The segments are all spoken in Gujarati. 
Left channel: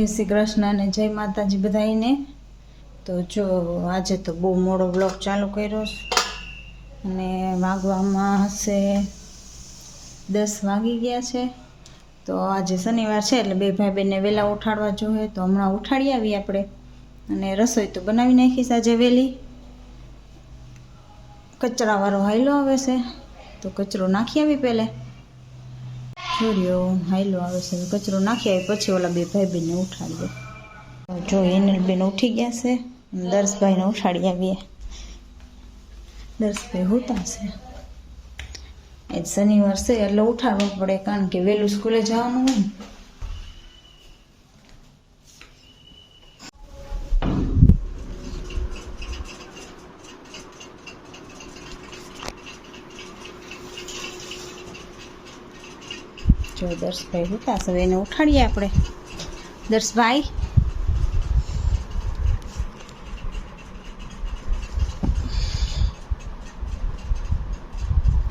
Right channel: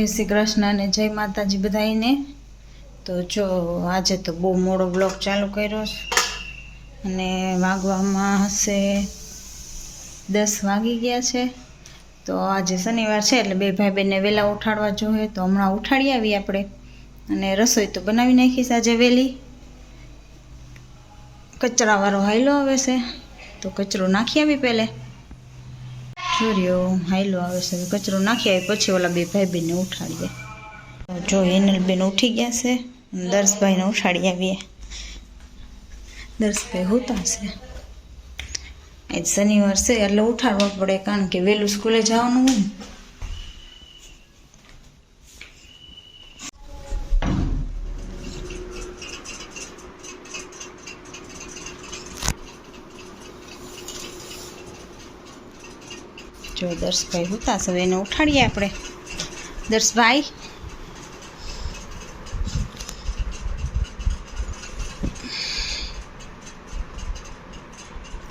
જય શ્રી કૃષ્ણ અને જય માતાજી બધાઈને। તો જો આજે તો બહુ મોડો બ્લોગ ચાલુ કર્યો અને વાગવામાં હશે 10 વાગી ગયા છે। તો આજે શનિવાર છે એટલે બે ભાઈ બહેનને વહેલા ઉઠાડવા જોઈએ, તો હમણાં ઉઠાડી આવી આપણે અને રસોઈ તો બનાવી નાખીશ આજે વહેલી। કચરાવાળો હાયલો આવે છે તો કચરો નાખી આવી પહેલે। જોરિયો હાયલો આવે છે, કચરો નાખી આવી પછી ઓલા બે ભાઈ બહેનને ઉઠાડીએ। જો હિનલબેન ઉઠી ગયા છે, દર્શભાઈને ઉઠાડી આવીએ। દર્શભાઈ હોતા છે, આજ શનિવાર છે એટલે ઉઠાડવા પડે, કારણ કે વહેલું સ્કૂલે જવાનું હોય ને। જો દર્શભાઈ હોતા છે, એને ઉઠાડીએ આપણે। દર્શભાઈ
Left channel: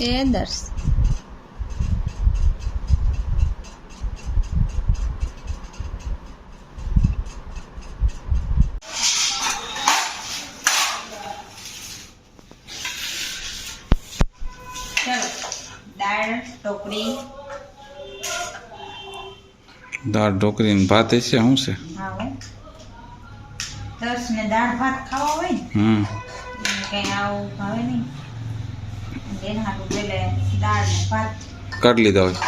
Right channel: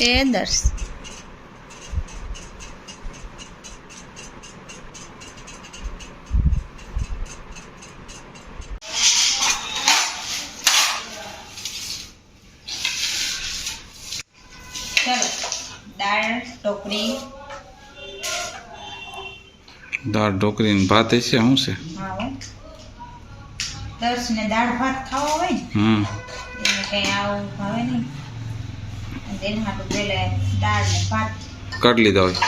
એ દર્શ ચાલો દાળ ઢોકળી દાળ ઢોકળી ને ભાત હશે શું છે? હા હો, દર્શ ને દાળ ભાત ખાવા હોય ને એને કઈ આવું ભાવે નહીં, એને હાટું પેલે દાળ ને ભાત કાઢી લીધા હોય।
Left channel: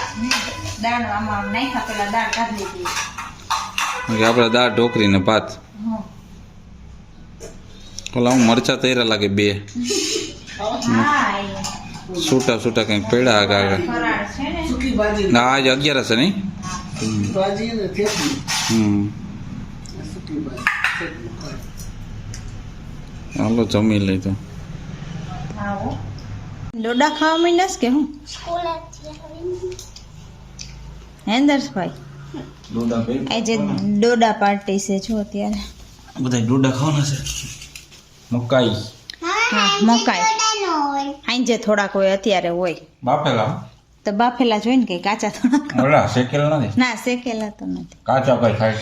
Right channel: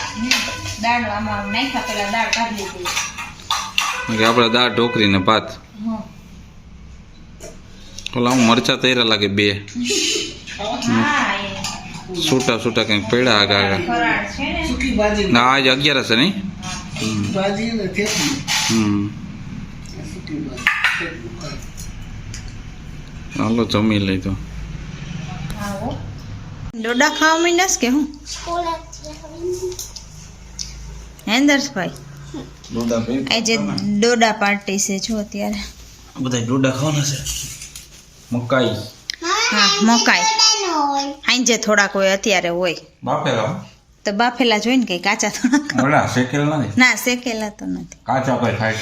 દાળ આમાં નાખ્યા પેલા દાળ કાઢી લીધી। આપણે દાળ ઢોકળી ને ભાત હા ઓલા હું મરચા તૈયાર લાગે બે હા છૂટા છૂટા કંઈક પડ્યા આગા આગા। ફરાળ છે ને સુકી ભાજી ના આજે 11 છે નહીં? ભાજી ને થેપલી સુકી ભાજી હાલો જમી લઈ તો। આવો ડોડા ખાવા માંડ્યા કે હું હેન્દર્સભાઈ આજે ડોડા પાર્ટી છે જો અત્યારે બધા ડોડા ખાવાના છે। મકાઈ હા મકાઈ હાંજે થોડાક હોય, અત્યારે હોય બાફેલા તો બાફેલા જોઈને કે કાચા થોડાક ઓલા શેકેલ નથી, ના શેકેલા તો નથી, કાચા કોઈ ખાય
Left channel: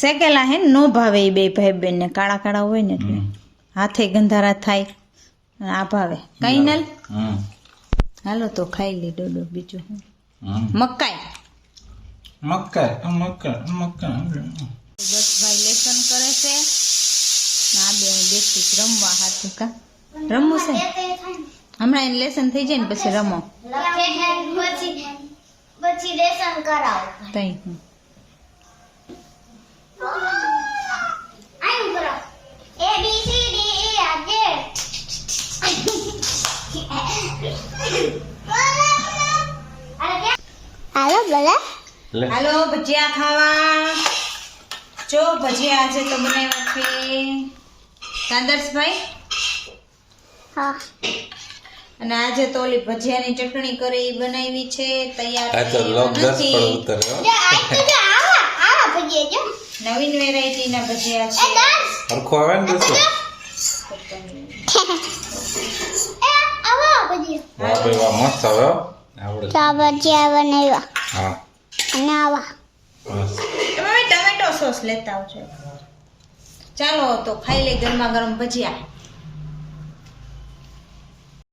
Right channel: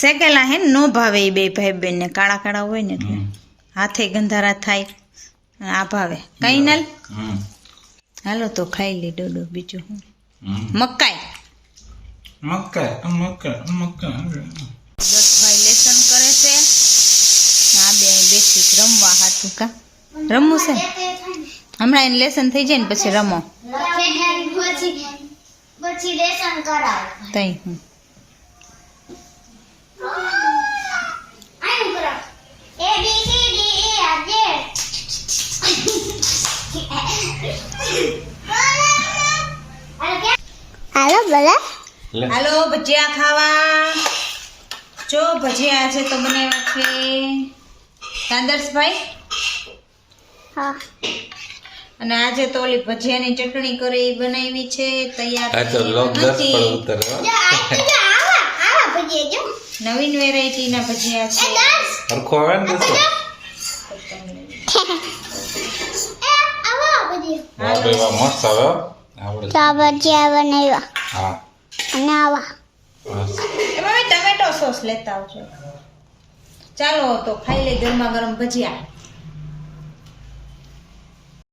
શેકેલા હે ને નો ભાવે એ બે ભાઈ બેન ને, કાળા કાળા હોય ને એટલે હાથે ગંધારા થાય, આ ભાવે કઈ નલ। હાલો તો ખાઈ લે ડોડો, બીજું હું મકાઈ દર્શભાઈ લેસન કરે છે, આ બે બેસી રમવા હાથું કા રમવું છે હમણાં એને લેસન થઈ જાય ને પછી રમો પછી લેસન કરાવ તઈ હું આયું કરાવ A B C D E F G હાલો બોલા હાલો ભજીયા ખાવા। જો ભજીયા આજે તો બનાવ્યા છે કાદર્શભાઈ, હા અને આજે તો ઓલી ભજીયાની ચટણી કરે એ બનાવી છે, તૈયાર નથી। આવા ભજીયા જો નવીન વેરાયટી ના ભજીયા છે। હરખો આવે ને દોસ્તો આવા ભજીયા વાહ ભાઈ વાહ મસ્ત આવે હો આવડે તો ભજીયા બનાવ્યા હા અને આવા એમાં ટમેટો સોસ લેતા આવજો। ચાલો તો ખાઈ લે ગરમા ગરમ ભજીયા।